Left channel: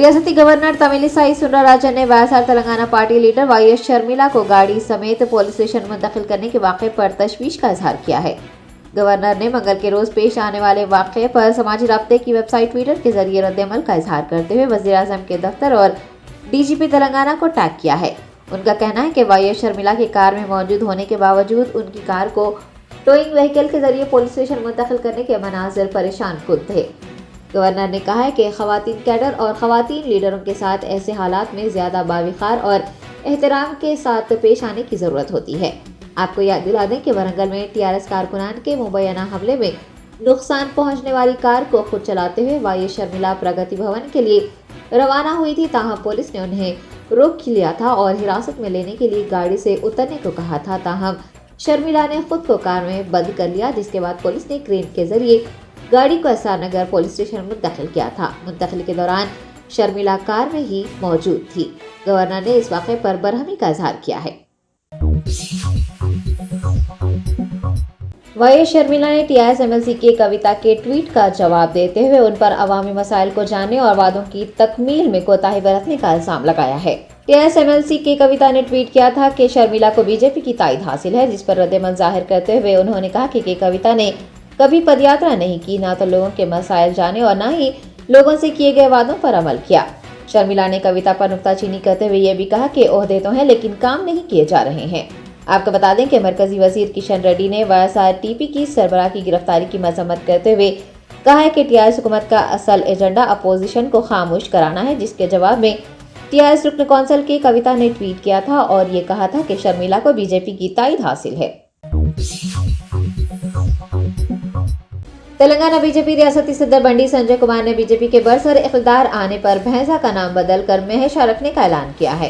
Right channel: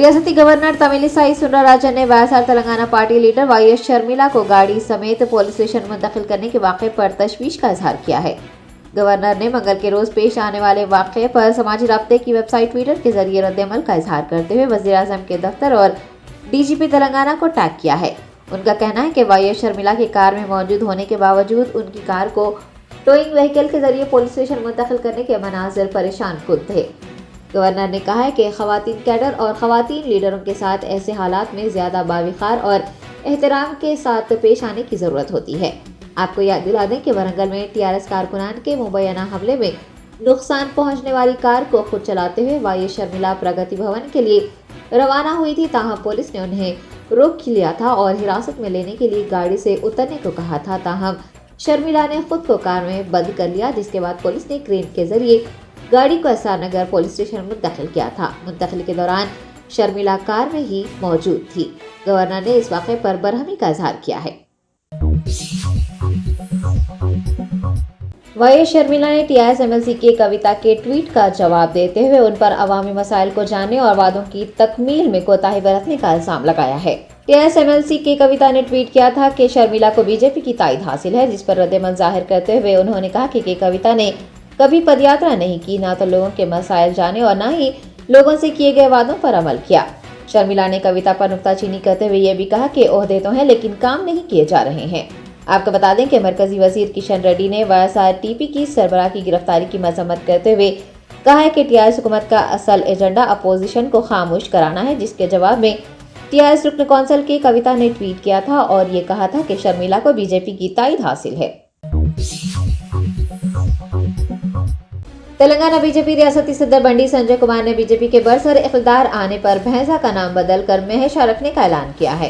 रियासती गवर्नर तमिलिसाई सुंदरराजन ने YSR Telangana party leader YS Sharmila को गाड़ी समेत पुलिस स्टेशन मुंतकिल करने के वाक़े पर तशवीश का इजहार किया है। गवर्नर ने मंगल के रोज पेश आने वाले वाक़े पर समाजी राब्ते की वेबसाइट ट्विटर के जरिए रद्द-ए-अमल का इजहार करते हुए वज़ीर-ए-आज़म के दफ्तर और डीजीपी तेलंगाना को टैग किया है। उनका कहना है कि वाईएस शर्मिला की कार में मौजूद होने के बावजूद उनकी कार को टोइंग व्हीकल के जरिए पुलिस स्टेशन मुंतकिल करने के मनाजिर परेशान कुन थे। गवर्नर ने कहा है कि खवातीन कैडर और खवातीन लीडरों के साथ ऐसे हालात में ज़्यादा बाविखार और एहतराम के साथ पेश आने की ज़रूरत होती है। आपको याद दिला दें कि वरंगल में टीआरएस कारकुनान के मुबैना हमले में नुकसान पहुंचने वाली कार को खुद चलाते हुए वाईएस शर्मिला प्रगति भवन के लिए रवाना हुई थी, ताहम पुलिस ने उन्हें रोक लिया था और हिरासत में लेने के लिए गाड़ी से उतरने को कहा था। ताहम शर्मिला ने खुद को कार में बंद कर लिया, जिसके बाद पुलिस ने क्रेन के जरिए गाड़ी को एसआर नगर पुलिस स्टेशन मुंतकिल किया था। मुंतकिल के दौरान शर्मिला कार में ही मौजूद थी। गवर्नर ने इस वाक़े पर बरहमी का इजहार किया है। वाईएस शर्मिला ने टीआरएस एमएलसी के कविता के ट्वीट का जवाब देते हुए उन पर अवामी मसाइल को जानने और वादों की तकमील में कोताही बरतने का इल्जाम लगाया है। टीआरएस एमएलसी के कविता ने ट्वीट किया था कि शर्मिला को बीजेपी की ताईद हासिल है, जिस पर रद्द-ए-अमल जाहिर करते हुए उन्होंने कहा कि कविता ने कभी पदयात्रा नहीं की, ना तो लोगों के मसाइल जाने और ना ही लोगों से किए गए वादों पर अमल किया। शर्मिला ने कविता पर नुक्ताचीनी करते हुए ये भी कहा कि ओहदे तो हैं लेकिन काम नहीं किए जा रहे हैं। आपको बता दें कि मरकजी वजीर किशन रेड्डी ने वाईएसआरटीपी की सरबराह की गिरफ्तारी की मजम्मत करते हुए कहा है कि टीआरएस हुकूमत का असल एजेंडा अपोजिशन को खामोश कराना है, जिसके जवाब में टीआरएस रुकन कौंसिल की कविता ने ट्वीट किया था और ये कहा था कि शर्मिला को बीजेपी की ताईद हासिल है। तेलंगाना बीजेपी रियासती सदर बंडी संजय कुमार ने बीजेपी के बरसर इख्तिदार आने पर भैंसा का नाम बदलकर महेशा रखने का ऐलान किया है।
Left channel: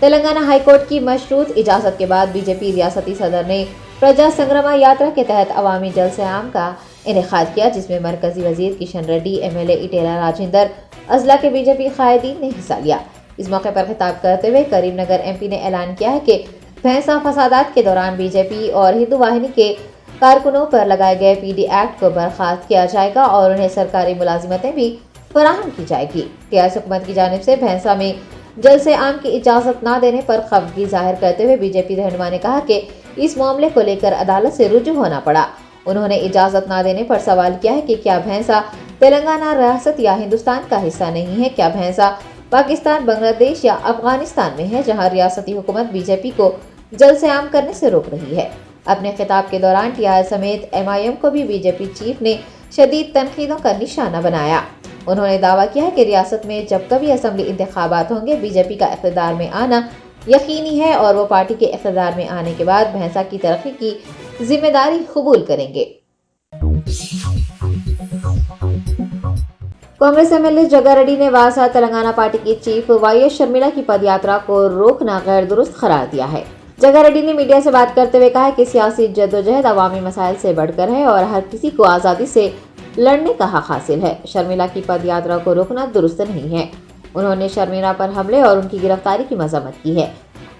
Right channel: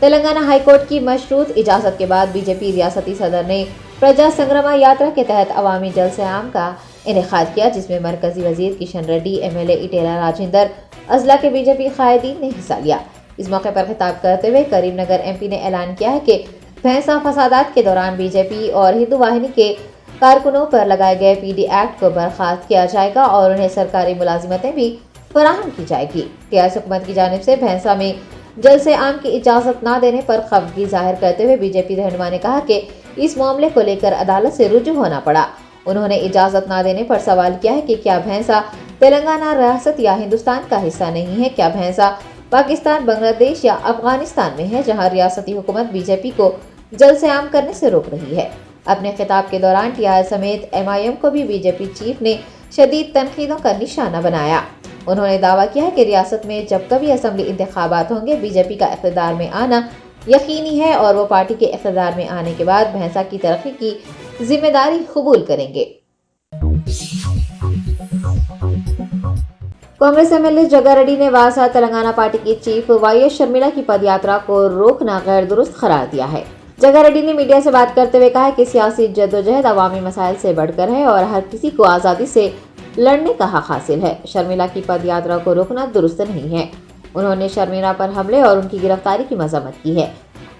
तेलंगाना हाईकोर्ट की मशरूत इजाजत के बाद बीजेपी रियासती सदर ने प्रजा संग्राम यात्रा के तहत अवामी जलसे आम का इनेकाद किया, जिसमें मरकजी वजीर किशन रेड्डी, एमएलए इटेला राजेंद्र, अजला के बीजेपी कायदीन ने हिस्सा लिया। इस मौके पर खिताब करते हुए करीमनगर एमपी ने ऐलान किया है कि भैंसा फसादात के दौरान बीजेपी और हिंदू वाहिनी के कारकुनों पर लगाए गए पीडी एक्ट को बर्खास्त किया जाएगा और उन्हें सरकारी मुलाजिमतें भी फराहम की जाएगी। टीआरएस हुकूमत की जानिब से भैंसा में जलसे आम की इजाजत न देने पर खफगी जाहिर करते हुए बीजेपी रहनुमा ने कहा कि इस मामले को लेकर अदालत से रुजू होना पड़ा। उन्होंने इजाजत न देने पर सवाल किया है कि क्या भैंसा तेलंगाना रियासत या हिंदुस्तान का हिस्सा नहीं है? क्या भैंसा पाकिस्तान, बांग्लादेश या अफगानिस्तान में है, जहाँ रियासती हुकूमत बीजेपी को जलसे आम करने से रोक रही है? अपने खिताब के दौरान टीआरएस समेत एमआईएम को भी बीजेपी चीफ ने शदीद तनकीदों का निशाना बनाया। उन्होंने दावा किया है कि रियासत में जब कभी असेंबली इंतखाबात होंगे, बीजेपी का इख्तिदार में आना यकीनी है और वो पार्टी के इख्तिदार में आने के बाद भैंसा की तरक्की की जिम्मेदारी कबूल करेंगे। कांग्रेस एमएलए जग्गा रेड्डी ने वाईएसआर तेलंगाना पार्टी की चीफ वाईएस शर्मिला की पदयात्रा को रोकना गैर दुरुस्त करार दिया है। जग्गा रेड्डी ने मीडिया से बात करते हुए कहा है कि सियासी जद्दोजहद अवामी मसाइल से बढ़कर है और हर किसी को आज़ादी से लड़ने का हक हासिल है। शर्मिला की पदयात्रा को रोकना दुरुस्त नहीं है। उन्होंने शर्मिला पर हमले और उनकी गिरफ्तारी की मजम्मत की है।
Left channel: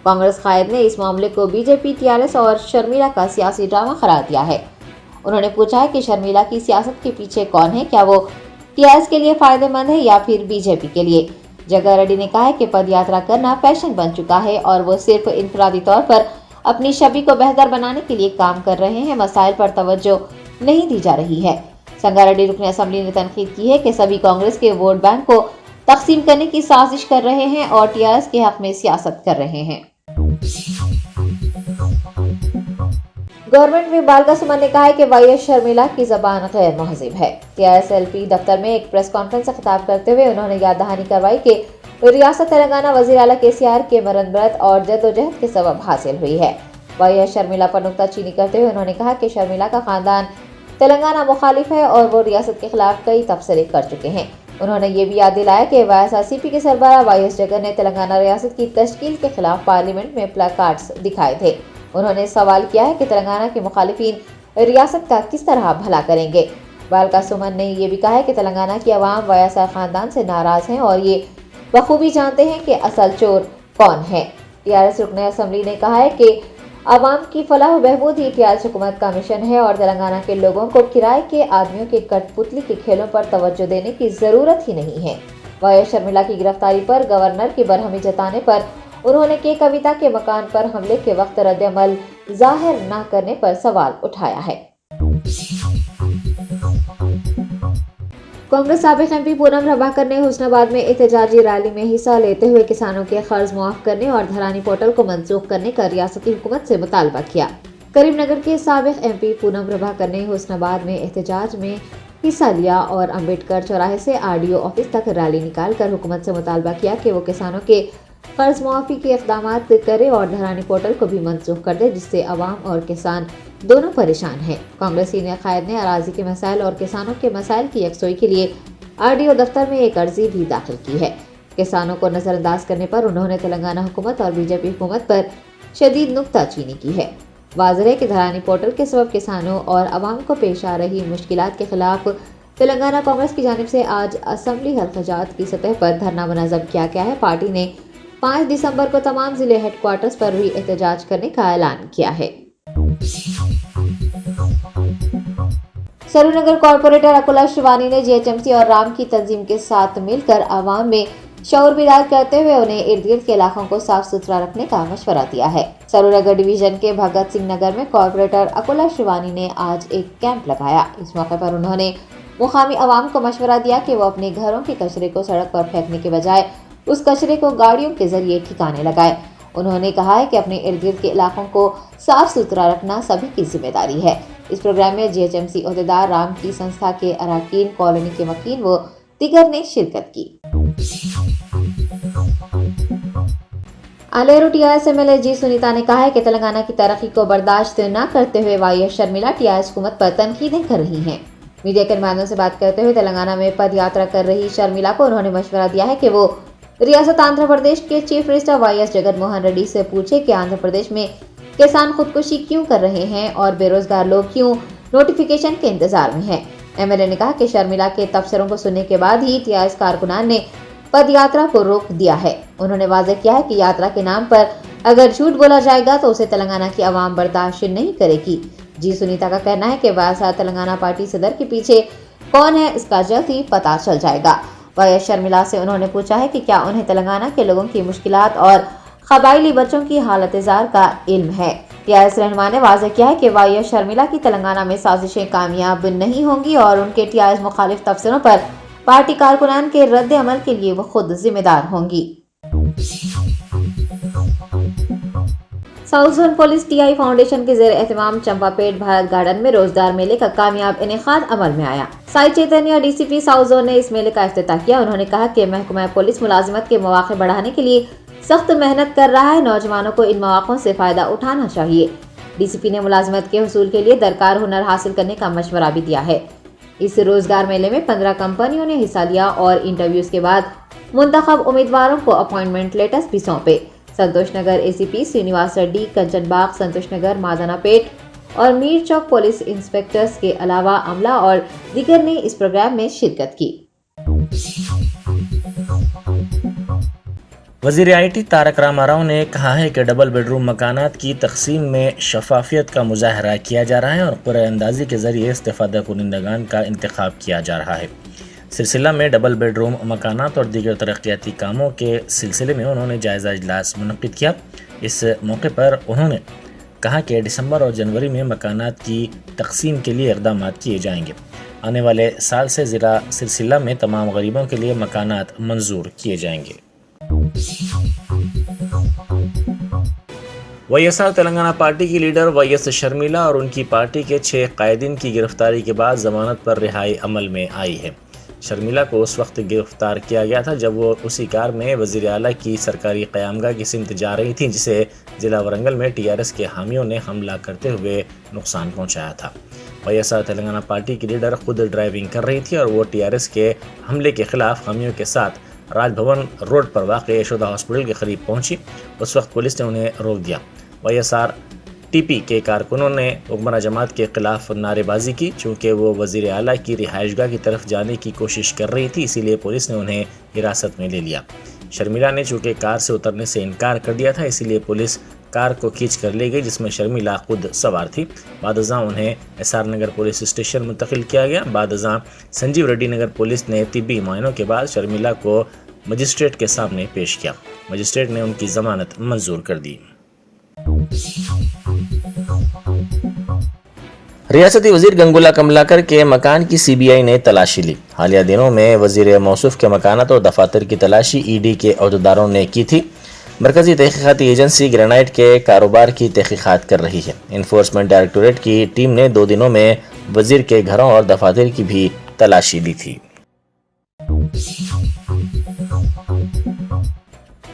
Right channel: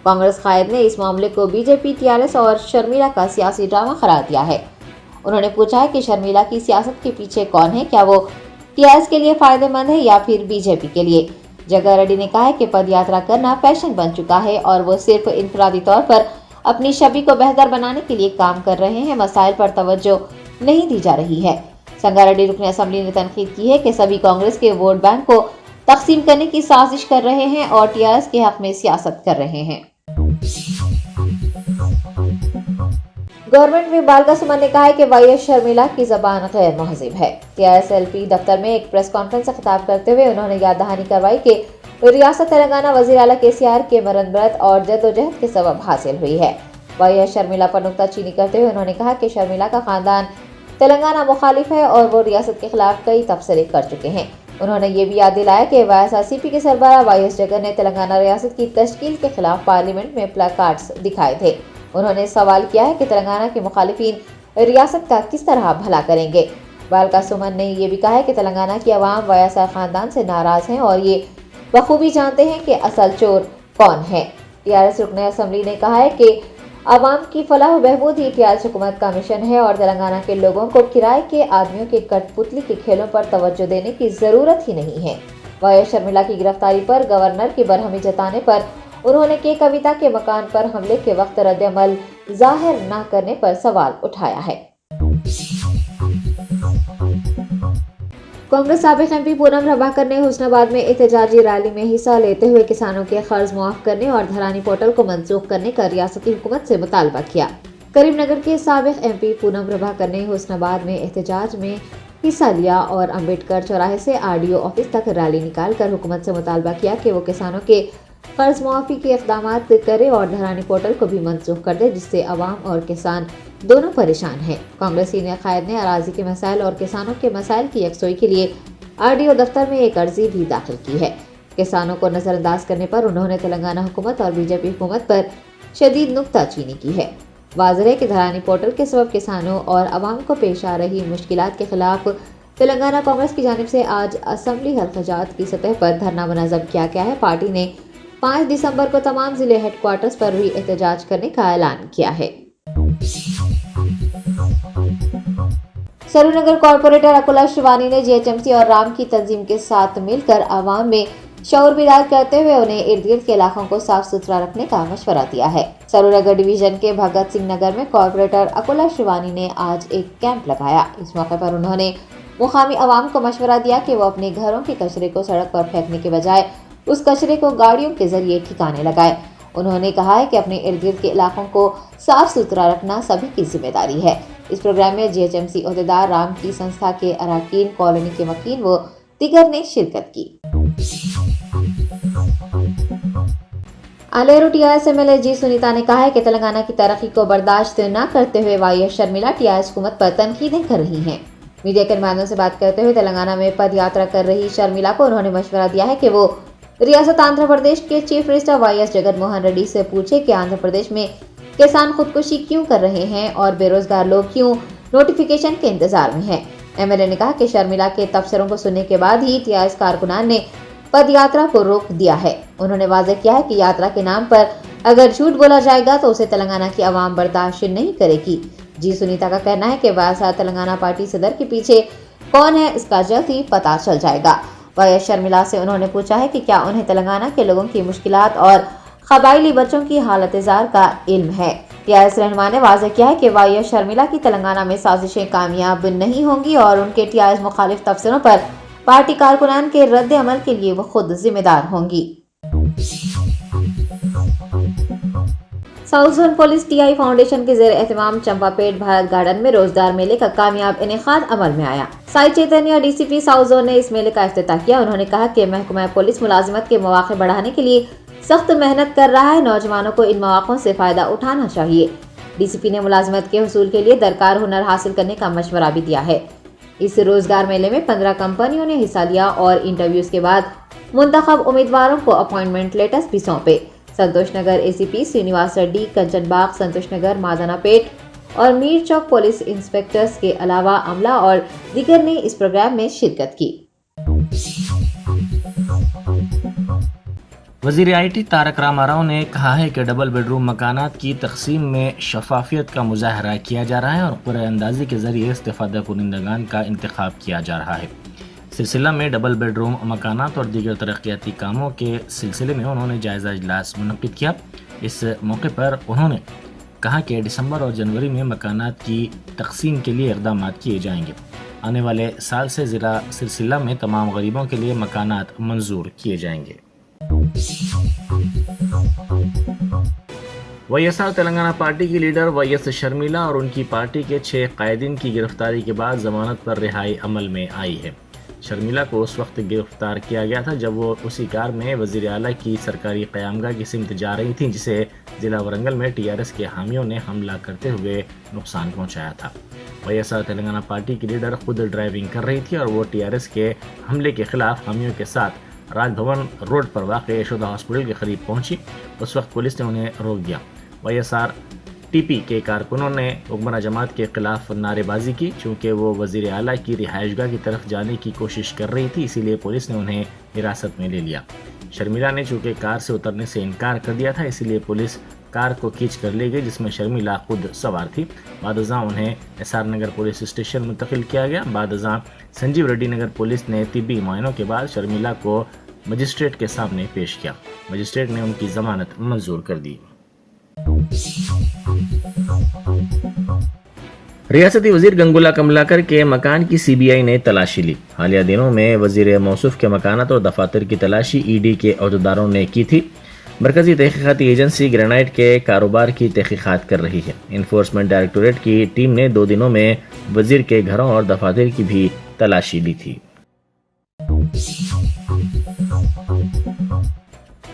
कांग्रेस कायद ने इस मामले को बीजेपी, टीआरएस और शर्मिला का सियासी ड्रामा करार दिया है। उन्होंने पूछा है कि शर्मिला की सियासत के पीछे कौन है, क्या वो टीआरएस के लिए फायदेमंद है या फिर बीजेपी के लिए। जग्गा रेड्डी ने कहा है कि पदयात्रा करना फैशन बन चुका है और वो सिर्फ इनफरादी तौर पर अपनी छवि को बेहतर बनाने के लिए काम कर रहे हैं, मसाइल पर तवज्जो नहीं दी जा रही है। जग्गा रेड्डी रुकन असेंबली ने तनकीद की है कि सभी कांग्रेस के वोट बैंक को तकसीम करने की साजिश कर रहे हैं और टीआरएस के हक में सियासत कर रहे हैं। गवर्नमेंट विप बालका सुमन ने कहा है कि वाईएस शर्मिला की जबान गैर महजिब है। टीआरएस एलपी दफ्तर में एक प्रेस कॉन्फ्रेंस से खिताब करते हुए उन्होंने याद दहानी करवाई कि रियासत तेलंगाना वजीर आला केसीआर के मरनबरत और जद्दोजहद के सबब हासिल हुई है। वाईएस शर्मिला पर नुक्ताचीनी करते हुए उन्होंने कहा कि शर्मिला का खानदान तेलंगाना मुखालिफ है और वो रियासत के खिलाफ कई तबसरे कर चुके हैं। उन्होंने ये भी याद दिलाया कि वाईएसआरसीपी के सरबराह वाईएस जगन ने तेलंगाना रियासत की तश्कील के खिलाफ पार्लियामेंट में प्लेकार्ड्स दिखाए थे। उन्होंने सवाल किया है कि तेलंगाना के मुखालिफिन रियासत का किस तरह भला करेंगे। बालका सुमन ने यह भी कहा है कि तेलंगाना की आवाम वाईएसआर खानदान से नाराज हैं और ये बखूबी जानते हैं कि असल चोर कौन है। टीआरएस रुकन असेंबली ने कहा है कि आवाम की फलाह व बहबूद ही टीआरएस हुकूमत का मिशन है और तेलंगाना के लोगों को किराए के आदमियों के कठपुतली के खेलों पर तवज्जो देने की जरूरत ही नहीं है। वाई एस शर्मिला की गिरफ्तारी पर गवर्नर की बरहमी जताने पर उन्होंने के कविता के मकान पर हमले के वक्त रद्द-ए-अमल जाहिर न करने पर सवाल उठाया है। कांग्रेस साबिक एमपी पूनम प्रभाकर ने हुस्नाबाद में एहतजाजी रैली में हिस्सा लेते हुए किसानों के कर्ज मुआफ करने और धरानी पोर्टल को मंसूख करने का रियासती हुकूमत से मुतालबा किया। करीमनगर के साबिक एमपी पूनम प्रभाकर ने हुस्नाबाद में एहतजाज में हिस्सा लिया और अम्बेडकर चौराहे से आरडीओ ऑफिस तक रैली निकालकर हुकूमत से मुतालबा किया कि वो किसानों के कर्ज मुआफी के इक़दाम करे और धरानी पोर्टल को भी मंसूख कर दे, जिससे अवाम और किसान दोनों परेशान हैं। कांग्रेस सीनियर कायद ने अराजी के मसाइल और किसानों के मसाइल की यकसोई के लिए आरडीओ दफ्तर में एक अर्जी भी दाखिल की है। किसानों को नजरअंदाज करने पर उन्होंने तेलंगाना हुकूमत और बीजेपी हुकूमत पर शदीद नुक्ताचीनी की है। वाज़ेह है कि धरानी पोर्टल के सबब किसानों और अवाम को पेश आ रही मुश्किलात के खिलाफ तेलंगाना कांग्रेस की जानिब से आज असम्बली हल्क़ाजात की सतह पर धरना मुनज़्ज़म किया गया है। पार्टी ने 5 दिसंबर को तमाम जिले हेडक्वार्टर्स पर भी एहतजाज करने का ऐलान किया है। सरूनगर कॉर्पोरेटर अकुला शिवानी ने जीएचएमसी और राम की तंजीम के साथ मिलकर आवाम में शऊर बेदार करते हुए उन्हें इर्द गिर्द के इलाकों को साफ सुथरा रखने का मशवरा दिया है। सरूनगर डिवीजन के भगत सिंह नगर में कॉर्पोरेटर अकुला शिवानी ने आज एक कैंप लगाया। इस मौके पर उन्होंने मुकामी आवाम को मशवरा दिया कि वो अपने घरों के कचरे को सड़क पर फेंकने के बजाय उस कचरे को गाड़ियों के जरिए ठिकाने लगाए। उन्होंने कहा है कि अपने इर्द गिर्द के इलाकों को साफ सुथरा रखना सभी की जिम्मेदारी है। इस प्रोग्राम में जीएचएमसी ओहदेदार, राम की संस्था के अरकान, कॉलोनी के मकीन व दीगर ने शिरकत की। आलेरू टीआरएस एमएलए जी सुनीता ने कहा है कि तेलंगाना की तरक्की को बर्दाश्त न करते हुए वाई एस शर्मिला टीआरएस हुकूमत पर तनकीदें कर रही हैं। मीडिया के नुमाइंदों से बात करते हुए तेलंगाना में पद यात्रा कर रही शर्मिला को उन्होंने मशवरा दिया है कि वो रियासत आंध्र प्रदेश के चीफ मिनिस्टर वाई एस जगन मोहन रेड्डी से पूछे कि आंध्र प्रदेश में किसान खुदकुशी क्यों कर रहे हैं और बेरोजगार लोग क्यों नोटिफिकेशन के इंतजार में हैं। एमएलए ने कहा कि शर्मिला के तबसरों को सुनने के बाद ही टीआरएस कारकुनान ने पद यात्रा को रोक दिया है। उन्होंने वाज़ेह किया है कि यात्रा के नाम पर अगर झूठ बोला जाएगा तो उसे तेलंगाना की आवाम बर्दाश्त नहीं करेगी। जी सुनीता का कहना है कि वाईएसआर तेलंगाना पार्टी सदर के पीछे कौन है इसका जल्द ही पता चल जाएगा। वाई एस शर्मिला से उन्होंने पूछा है कि क्या उन्हें तेलंगाना के लोगों की मुश्किलात और कबायली बच्चों की हालत जार का इल्म है। टीआरएस रहनुमा ने वाज़ेह किया है कि वाई एस शर्मिला की तेलंगाना में साजिशें कामयाब नहीं होंगी और उनके टीआरएस मुखालिफ तबसरों पर पार्टी कारकुनान के रद्द अमल के लिए वो खुद जिम्मेदार होंगी। South zone police TI foundation के ज़ेर एहतमाम चंपापेट भारत गार्डन में रोजगार मेले का कामयाब इनेकाद अमल में आया। साई चैतन्य डीसीपी साउथ जोन ने इस मेले का इफ्तिताह किया। उन्होंने कहा कि महकमा पुलिस मुलाजिमत के मौके बढ़ाने के लिए सख्त मेहनत कर रहा है। नौजवानों को इन मौक़ों से फायदा उठाना चाहिए। डीसीपी ने मुलाजिमत के हुसूल के लिए दरकार हुनर हासिल करने का मशवरा भी दिया है। इस रोजगार मेले में 15 कंपनियों ने हिस्सा लिया और इंटरव्यूज के बाद मुंतखब उम्मीदवारों को अपॉइंटमेंट लेटर्स भी सौंपे। संतोष नगर एसीपी श्रीनिवास रेड्डी, कंचनबाग, संतोष नगर, मादनापेट और मीर चौक पुलिस इंस्पेक्टर्स के अलावा अमला और दीगर ने इस प्रोग्राम में शिरकत की। वज़ीर आईटी तारक रामाराव ने कहा है कि डबल बेडरूम मकानात की तकसीम में शफाफियत का मुजाहरा किया जा रहा है और क़ुरए अंदाज़ी के ज़रिए इस्तिफ़ादा कुनिंदगान का इंतखाब किया जा रहा है। सिलसिला में डबल बेडरूम मकानात और दीगर तरक्याती कामों के सिलसिले में उन्होंने जायज़ा इजलास मुनक़्क़िद किया। इस मौके पर उन्होंने कहा कि दिसंबर और जनवरी में मकानात की तकसीम के लिए इक़दाम किए जाएंगे। आने वाले साल से ज़िला सिलसिला में तमाम गरीबों के लिए मकानात मंजूर किए जाएंगे। वाईएसआर तेलंगाना पार्टी की लीडर वाई एस शर्मिला और उनकी पार्टी के 6 कायदीन की गिरफ्तारी के बाद जमानत पर रिहाई अमल में आई है। शर्मिला को उस वक्त गिरफ्तार किया गया था जब वो उसी कार में वज़ीर आला की सरकारी क़यामगाह की सिमत जा रही थी, जिसे ज़िला वरंगल में टीआरएस के हामियों ने हमला करते हुए नुकसान पहुंचाया था। वाईएसआर तेलंगाना पार्टी की लीडर खुद ड्राइविंग कर रही थी और वो टीआरएस के हमले के खिलाफ हामियों के साथ राजभवन रोड पर वाक़ यशोदा हॉस्पिटल के करीब पहुंची। उस वक्त पुलिस ने उन्हें रोक दिया। वाईएसआर टीपी के कारकुनों ने हुक्मरान जमात के खिलाफ नारेबाजी की। चूँकि वो वज़ीर आला की रिहाइशगाह की तरफ जाने की कोशिश कर रही थी, इसीलिए पुलिस ने उन्हें हिरासत में ले लिया। शर्मिला ने चूँकि कार से उतरने से इनकार कर दिया था, इसीलिए पुलिस کار کو کھینچ کر لے گئی جس میں شرمیلا خود سوار تھی۔ بعد ازاں انہیں S R Nagar police station منتقل کیا گیا۔ بعد ازاں سنجیو ریڈی نگر پولیس نے طبی معائنوں کے بعد شرمیلا کو مجسٹریٹ کے سامنے پیش کیا۔ مجسٹریٹ نے ان کی ضمانت منظور کر دی۔ ریاستی وزیر گنگولا کملاکر کے مکان کی سی بی آئی نے تلاشی لی۔ حالیہ دنوں میں وزیر موصوف کے مکانات اور دفاتر کی تلاشی ای ڈی کے عہدیداروں نے کی تھی۔ مرکزی تحقیقاتی ایجنسی گرینائٹ کے کاروبار کی تحقیقات کر رہی ہے۔ انفورسمنٹ ڈائریکٹوریٹ کی ٹیم نے 2 دنوں میں وزیر کے گھروں اور دفاتر کی بھی تلاشی لی تھی۔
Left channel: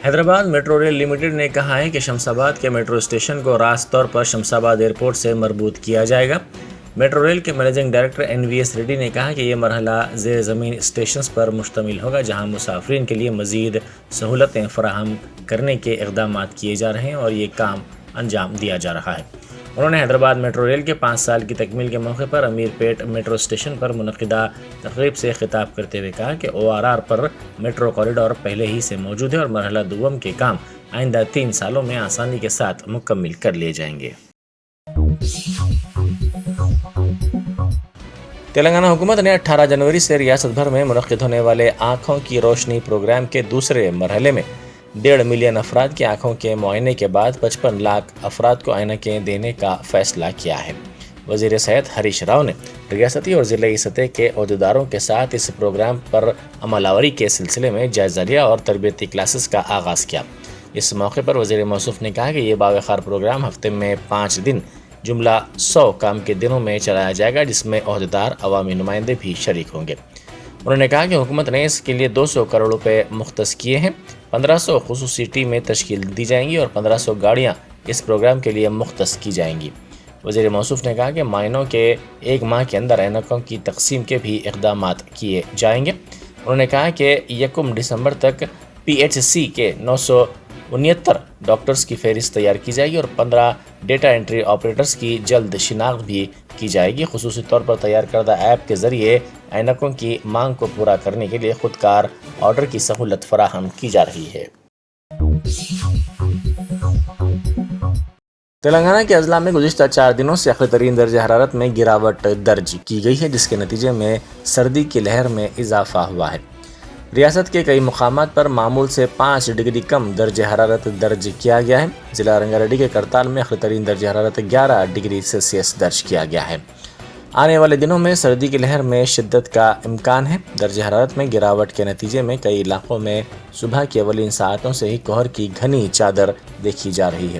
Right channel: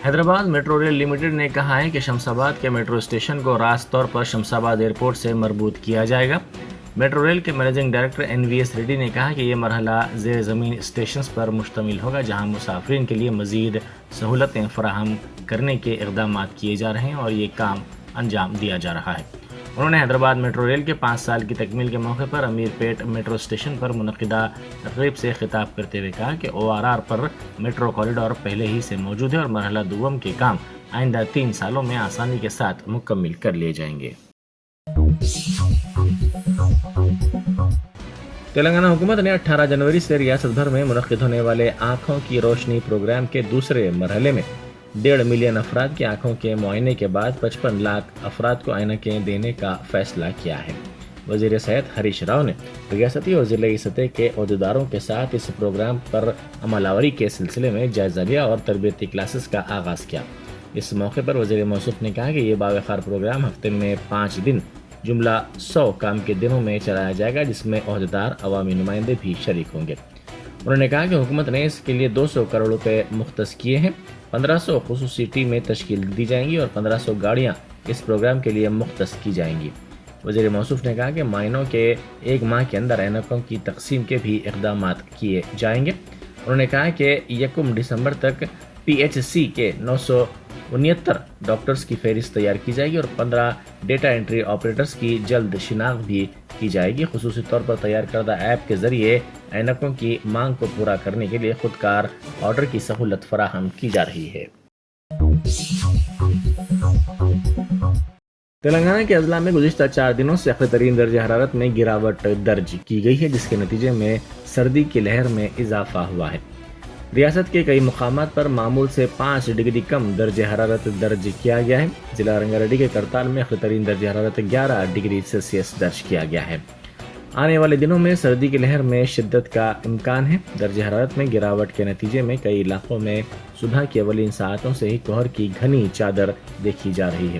حیدرآباد میٹرو ریل لمیٹڈ نے کہا ہے کہ شمس آباد کے میٹرو اسٹیشن کو راست طور پر شمس آباد ایئرپورٹ سے مربوط کیا جائے گا۔ میٹرو ریل کے managing director N V S ready نے کہا کہ یہ مرحلہ زیر زمین اسٹیشنز پر مشتمل ہوگا جہاں مسافرین کے لیے مزید سہولتیں فراہم کرنے کے اقدامات کیے جا رہے ہیں اور یہ کام انجام دیا جا رہا ہے۔ انہوں نے حیدرآباد میٹرو ریل کے 5 سال کی تکمیل کے موقع پر امیر پیٹ میٹرو اسٹیشن پر منعقدہ تقریب سے خطاب کرتے ہوئے کہا کہ او آر آر پر میٹرو کوریڈور پہلے ہی سے موجود ہے اور مرحلہ دوم کے کام آئندہ 3 سالوں میں آسانی کے ساتھ مکمل کر لیے جائیں گے۔ تلنگانہ حکومت نے 18 جنوری سے ریاست بھر میں منعقد ہونے والے آنکھوں کی روشنی پروگرام کے دوسرے مرحلے میں 1.5 ملین افراد کی آنکھوں کے معائنے کے بعد 55 لاکھ افراد کو عینکیں دینے کا فیصلہ کیا ہے۔ وزیر صحت ہریش راؤ نے ریاستی اور ضلعی سطح کے عہدیداروں کے ساتھ اس پروگرام پر عمل آوری کے سلسلے میں جائزہ لیا اور تربیتی کلاسز کا آغاز کیا۔ اس موقع پر وزیر موصوف نے کہا کہ یہ باوقار پروگرام ہفتے میں 5 دن جملہ 100 کام کے دنوں میں چلایا جائے گا جس میں عہدیدار عوامی نمائندے بھی شریک ہوں گے۔ انہوں نے کہا کہ حکومت نے اس کے لیے 200 کروڑ روپے مختص کیے ہیں۔ 1500 خصوصی ٹیمیں تشکیل دی جائیں گی اور 1500 گاڑیاں اس پروگرام کے لیے مختص کی جائیں گی۔ وزیر موصوف نے کہا کہ معائنوں کے 1 ماہ کے اندر عینکوں کی تقسیم کے بھی اقدامات کیے جائیں گے۔ انہوں نے کہا کہ 1 دسمبر تک پی ایچ سی کے 969 ڈاکٹرز کی فہرست تیار کی جائے گی اور 15 ڈیٹا انٹری آپریٹرز کی جلد شناخت بھی کی جائے گی۔ خصوصی طور پر تیار کردہ ایپ کے ذریعے عینکوں کی مانگ کو پورا کرنے کے لیے خودکار آرڈر کی سہولت فراہم کی جا رہی ہے۔ تلنگانہ کے اضلاع میں گزشتہ 4 دنوں سے اقلی ترین درجہ حرارت میں گراوٹ درج کی گئی ہے جس کے نتیجے میں سردی کی لہر میں اضافہ ہوا ہے۔ ریاست کے کئی مقامات پر معمول سے 5 ڈگری کم درجہ حرارت درج کیا گیا ہے۔ ضلع رنگا ریڈی کے کرتال میں اقلی ترین درجہ حرارت 11 ڈگری سیلسیس درج کیا گیا ہے۔ آنے والے دنوں میں سردی کی لہر میں شدت کا امکان ہے۔ درجہ حرارت میں گراوٹ کے نتیجے میں کئی علاقوں میں صبح کی اولین ساعتوں سے ہی کوہر کی گھنی چادر دیکھی جا رہی ہے۔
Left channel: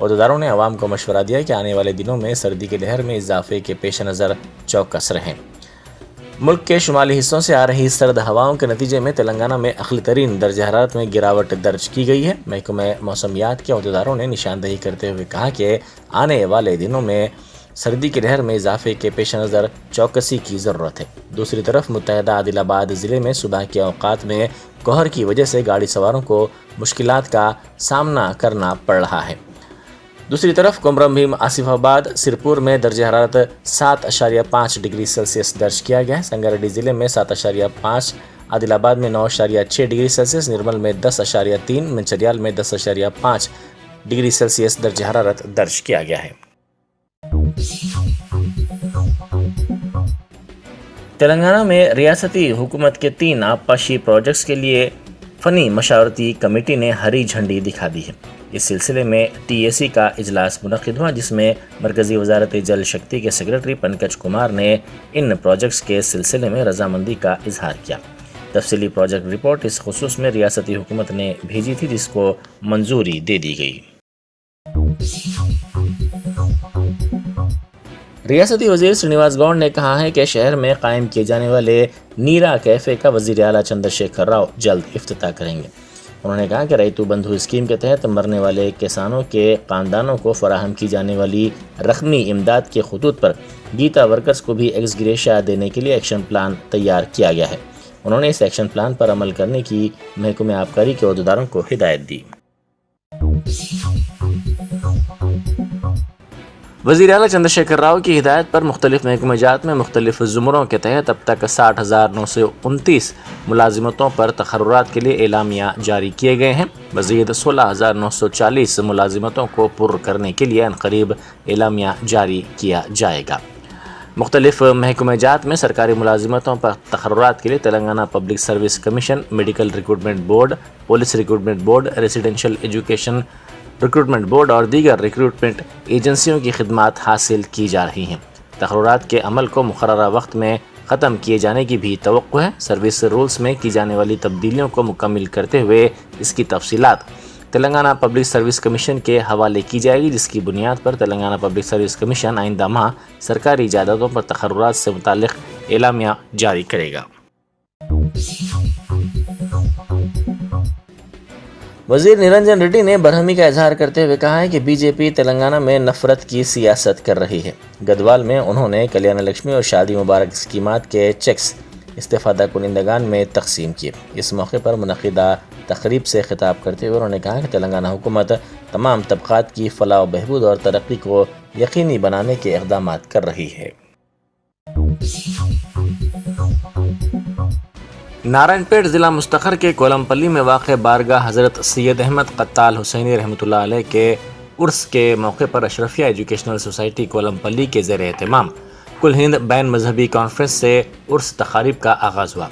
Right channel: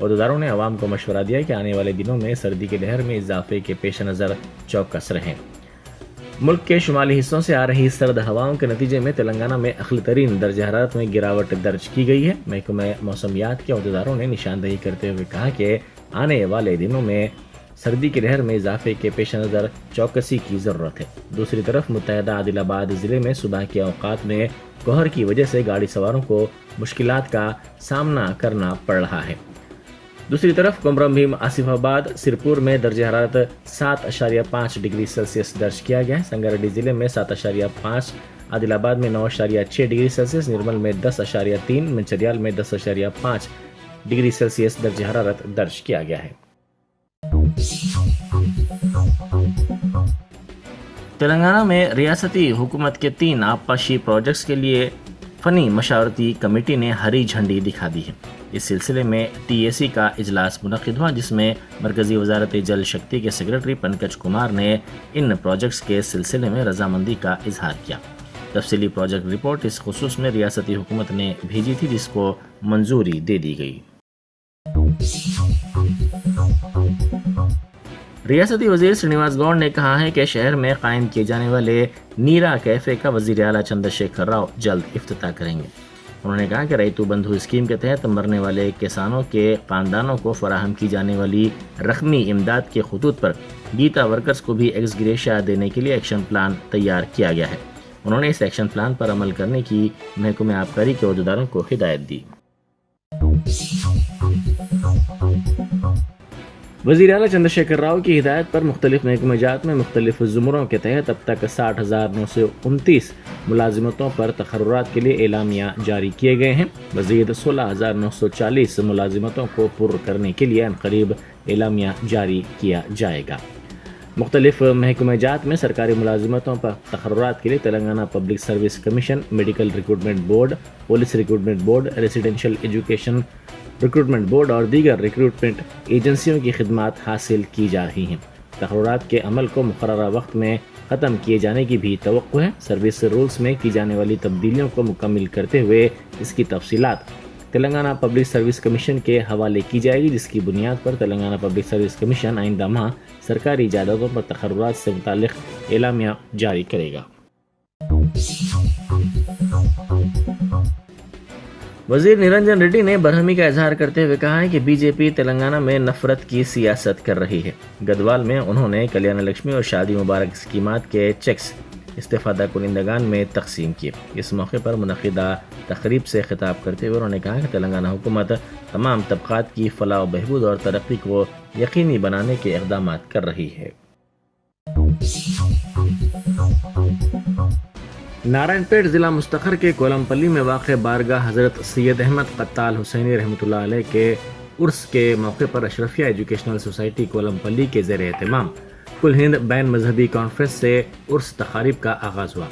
عہدیداروں نے عوام کو مشورہ دیا کہ آنے والے دنوں میں سردی کی لہر میں اضافے کے پیش نظر چوکس رہیں۔ ملک کے شمالی حصوں سے آ رہی سرد ہواؤں کے نتیجے میں تلنگانہ میں اقلی ترین درجہ حرارت میں گراوٹ درج کی گئی ہے۔ محکمہ موسمیات کے عہدیداروں نے نشاندہی کرتے ہوئے کہا کہ آنے والے دنوں میں سردی کی لہر میں اضافے کے پیش نظر چوکسی کی ضرورت ہے۔ دوسری طرف متحدہ عادل آباد ضلع میں صبح کے اوقات میں کوہر کی وجہ سے گاڑی سواروں کو مشکلات کا سامنا کرنا پڑ رہا ہے۔ دوسری طرف کمرم بھیم آصف آباد سرپور میں درجہ حرارت 7.5 ڈگری سیلسیس درج کیا گیا ہے۔ سنگاریڈی ضلع میں 7.5، عادل آباد میں 9.6 ڈگری سیلسیس، نرمل میں 10.3، منچریال میں 10.5 ڈگری سیلسیس درجہ حرارت درج کیا گیا ہے۔ تلنگانہ میں ریاستی حکومت کے 3 آبپاشی پروجیکٹس کے لیے فنی مشاورتی کمیٹی نے ہری جھنڈی دکھا دی ہے۔ اس سلسلے میں ٹی اے سی کا اجلاس منعقد ہوا جس میں مرکزی وزارت جل شکتی کے سیکرٹری پنکج کمار نے ان پروجیکٹس کے سلسلے میں رضامندی کا اظہار کیا۔ تفصیلی پروجیکٹ رپورٹ اس خصوص میں ریاستی حکومت نے بھیجی تھی جس کو منظوری دے دی گئی۔ ریاستی وزیر سرینواس گوڑ نے کہا ہے کہ شہر میں قائم کیے جانے والے نیرا کیفے کا وزیر اعلیٰ چندر شیکھر راؤ جلد افتتاح کریں گے۔ انہوں نے کہا کہ ریتو بندھو اسکیم کے تحت مرنے والے کسانوں کے خاندانوں کو فراہم کی جانے والی رقمی امداد کے خطوط پر گیتا ورکرز کو بھی ایکس گریشیا دینے کے لیے ایکشن پلان تیار کیا گیا ہے۔ انہوں نے اس ایکشن پلان پر عمل کرنے کی محکمہ آبکاری کے عہدیداروں کو ہدایت دی۔ وزیر اعلیٰ چندرشیکھر راؤ کی ہدایت پر مختلف محکمہ جات میں مختلف زمروں کے تحت اب تک 60,929 ملازمتوں پر تقررات کے لیے اعلامیہ جاری کیے گئے ہیں۔ مزید 16,940 ملازمتوں کو پر کرنے کے لیے عنقریب اعلامیہ جاری کیا جائے گا۔ مختلف محکمہ جات میں سرکاری ملازمتوں پر تقررات کے لیے Telangana public service commission, medical recruitment board, police recruitment board, residential education recruitment board اور دیگر ریکروٹمنٹ ایجنسیوں کی خدمات حاصل کی جا رہی ہیں۔ تقررات کے عمل کو مقررہ وقت میں ختم کیے جانے کی بھی توقع ہے۔ سروس رولز میں کی جانے والی تبدیلیوں کو مکمل کرتے ہوئے اس کی تفصیلات تلنگانہ پبلک سروس کمیشن کے حوالے کی جائے گی، جس کی بنیاد پر تلنگانہ پبلک سروس کمیشن آئندہ ماہ سرکاری جائیدادوں پر تقررات سے متعلق اعلامیہ جاری کرے گا۔ وزیر نرنجن ریڈی نے برہمی کا اظہار کرتے ہوئے کہا ہے کہ بی جے پی تلنگانہ میں نفرت کی سیاست کر رہی ہے۔ گدوال میں انہوں نے کلیانہ لکشمی اور شادی مبارک اسکیمات کے چیکس استفادہ کنندگان میں تقسیم کیے۔ اس موقع پر منعقدہ تقریب سے خطاب کرتے ہوئے انہوں نے کہا کہ تلنگانہ حکومت تمام طبقات کی فلاح و بہبود اور ترقی کو یقینی بنانے کے اقدامات کر رہی ہے۔ نارائن پیٹ ضلع مستقر کے کولم پلی میں واقع بارگاہ حضرت سید احمد قتال حسینی رحمۃ اللہ علیہ کے عرس کے موقع پر اشرفیہ ایجوکیشنل سوسائٹی کولم پلی کے زیر اہتمام کل ہند بین مذہبی کانفرنس سے عرس تقاریب کا آغاز ہوا۔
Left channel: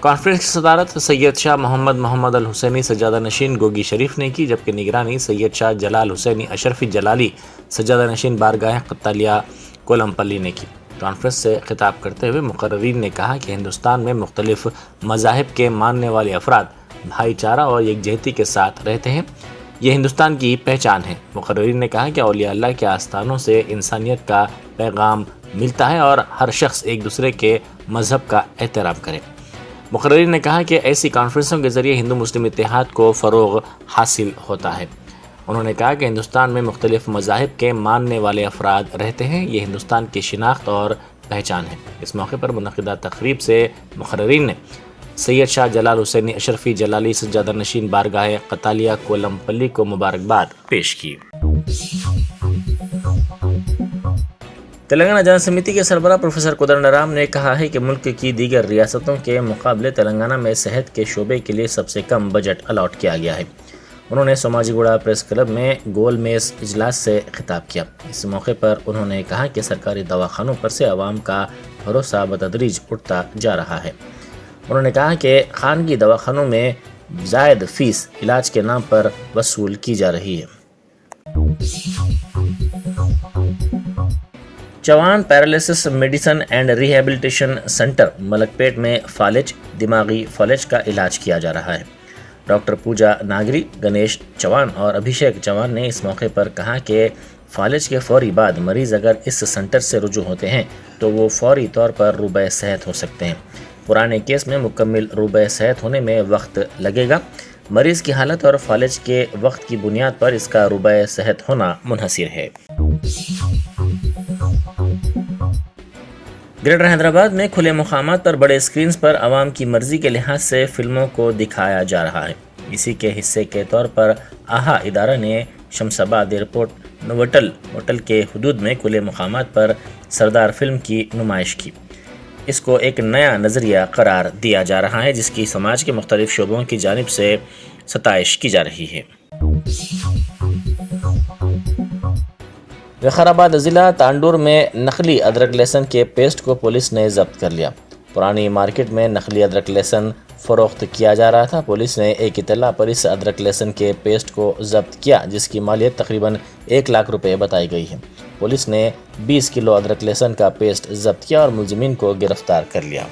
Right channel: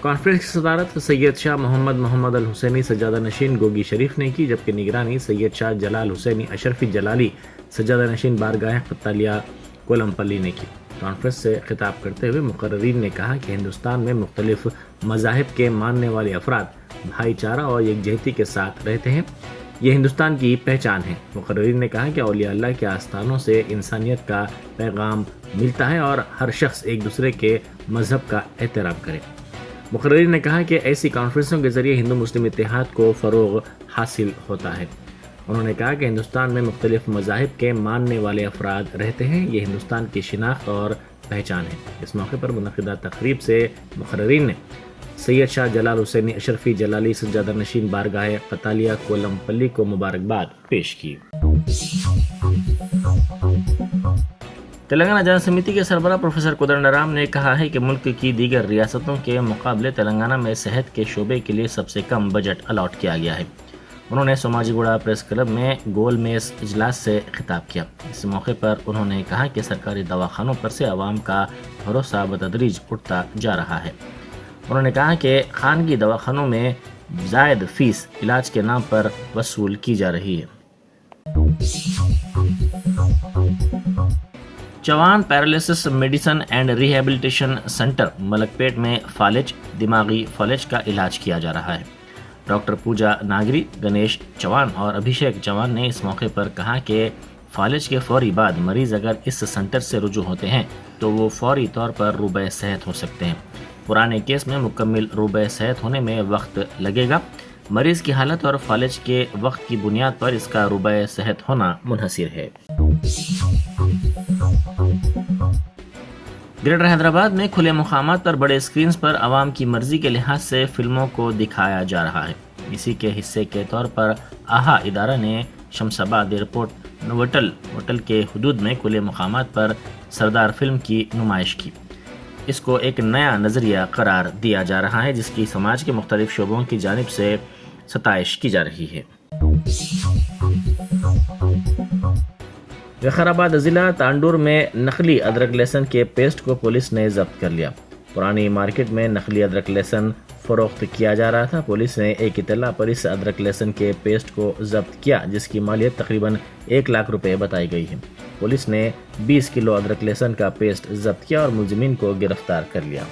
کانفرنس کی صدارت سید شاہ محمد الحسینی سجادہ نشین گوگی شریف نے کی، جبکہ نگرانی سید شاہ جلال حسینی اشرفی جلالی سجادہ نشین بارگاہ قتالیہ کولم پلی نے کی۔ کانفرنس سے خطاب کرتے ہوئے مقررین نے کہا کہ ہندوستان میں مختلف مذاہب کے ماننے والے افراد بھائی چارہ اور یکجہتی کے ساتھ رہتے ہیں، یہ ہندوستان کی پہچان ہے۔ مقررین نے کہا کہ اولیاء اللہ کے آستانوں سے انسانیت کا پیغام ملتا ہے اور ہر شخص ایک دوسرے کے مذہب کا احترام کرے۔ مقررین نے کہا کہ ایسی کانفرنسوں کے ذریعے ہندو مسلم اتحاد کو فروغ حاصل ہوتا ہے۔ انہوں نے کہا کہ ہندوستان میں مختلف مذاہب کے ماننے والے افراد رہتے ہیں، یہ ہندوستان کی شناخت اور پہچان ہے۔ اس موقع پر منعقدہ تقریب سے مقررین نے سید شاہ جلال حسینی اشرفی جلالی سجادہ نشین بارگاہ قتالیہ کولم پلی کو مبارکباد پیش کی۔ تلنگانہ جن سمیتی کے سربراہ پروفیسر کودنڈرام نے کہا ہے کہ ملک کی دیگر ریاستوں کے مقابلے تلنگانہ میں صحت کے شعبے کے لیے سب سے کم بجٹ الاٹ کیا گیا ہے۔ انہوں نے سوماجی گوڑا پریس کلب میں گول میز اجلاس سے خطاب کیا۔ اس موقع پر انہوں نے کہا کہ سرکاری دواخانوں پر سے عوام کا بھروسہ بتدریج اٹھتا جا رہا ہے۔ انہوں نے کہا کہ خانگی دواخانوں میں زائد فیس علاج کے نام پر وصول کی جا رہی ہے۔ چوان paralysis medicine and rehabilitation centre ملک پیٹ میں فالج، دماغی فالج کا علاج کیا جا رہا ہے۔ ڈاکٹر پوجا ناگری، گنیش چوان اور ابھیشیک چوان نے اس موقع پر کہا کہ فالج کے فوری بعد مریض اگر اس سینٹر سے رجوع ہوتے ہیں تو وہ فوری طور پر روبہ صحت ہو سکتے ہیں۔ پرانے کیس میں مکمل روبہ صحت ہونے میں وقت لگے گا۔ مریض کی حالت اور فالج کے وقت کی بنیاد پر اس کا روبہ صحت ہونا منحصر ہے۔ گریٹر حیدرآباد میں کھلے مقامات پر بڑے اسکرینز پر عوام کی مرضی کے لحاظ سے فلموں کو دکھایا جا رہا ہے۔ اسی کے حصے کے طور پر آہا ادارہ نے شمس آباد ایئرپورٹ ہوٹل کے حدود میں کھلے مقامات پر سردار فلم کی نمائش کی۔ اس کو ایک نیا نظریہ قرار دیا جا رہا ہے، جس کی سماج کے مختلف شعبوں کی جانب سے ستائش کی جا رہی ہے۔ وقارآباد ضلع تانڈور میں نقلی ادرک لہسن کے پیسٹ کو پولیس نے ضبط کر لیا۔ پرانی مارکیٹ میں نقلی ادرک لہسن فروخت کیا جا رہا تھا۔ پولیس نے ایک اطلاع پر اس ادرک لہسن کے پیسٹ کو ضبط کیا، جس کی مالیت تقریباً 1 لاکھ روپے بتائی گئی ہے۔ پولیس نے 20 کلو ادرک لہسن کا پیسٹ ضبط کیا اور ملزمین کو گرفتار کر لیا۔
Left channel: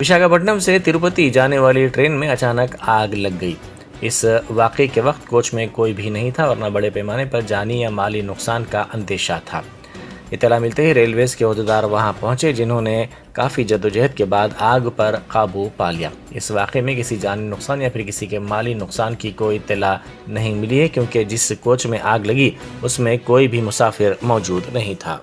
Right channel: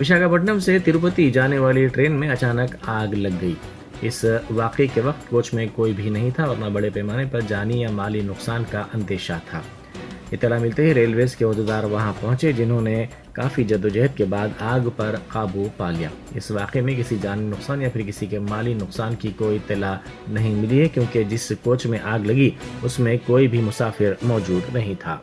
وشاکھاپٹنم سے تروپتی جانے والی ٹرین میں اچانک آگ لگ گئی۔ اس واقعے کے وقت کوچ میں کوئی بھی نہیں تھا اور نہ بڑے پیمانے پر جانی یا مالی نقصان کا اندیشہ تھا۔ اطلاع ملتے ہی ریلویز کے عہدیدار وہاں پہنچے، جنہوں نے کافی جدوجہد کے بعد آگ پر قابو پا لیا۔ اس واقعے میں کسی جانی نقصان یا پھر کسی کے مالی نقصان کی کوئی اطلاع نہیں ملی ہے، کیونکہ جس کوچ میں آگ لگی اس میں کوئی بھی مسافر موجود نہیں تھا۔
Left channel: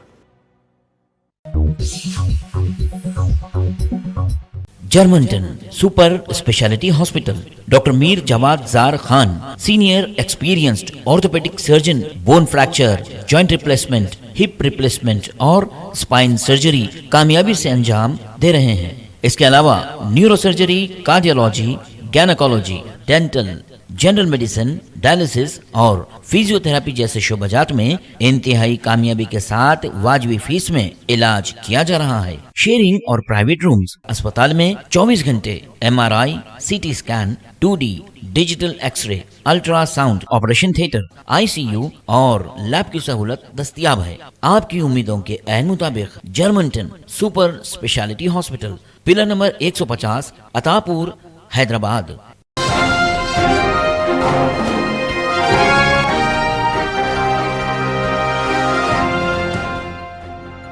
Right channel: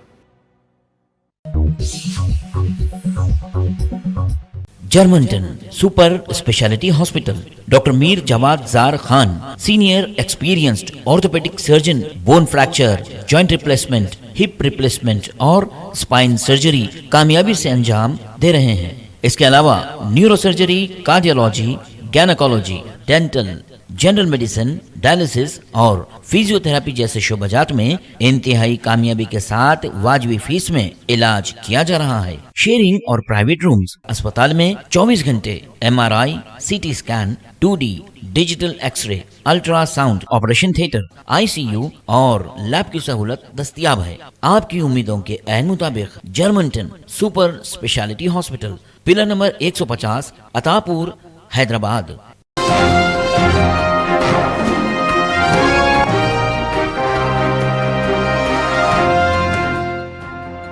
جرمنٹن super speciality hospital, doctor Mir Jawad Zar Khan, senior experienced orthopaedic surgeon, bone fracture, joint replacement, hip replacement اور اسپائن سرجری کامیابی سے انجام دے رہے ہیں۔ اس کے علاوہ neurosurgery, cardiology, gynaecology, dental, general medicine, dialysis اور فزیو تھراپی جیسے شعبات میں انتہائی کامیابی کے ساتھ واجبی فیس میں علاج کیا جا رہا ہے۔ شیئرنگ اور پرائیویٹ رومز، اسپتال میں 24 گھنٹے MRI، CT scan, 2D digital X ray, ultra sound, operation theatre, ICU اور لیب کی سہولت دستیاب ہے۔ آپ کی امیدوں کے عین مطابق جرمنٹن super speciality hospital, pillar number 150، عطا پور، حیدرآباد۔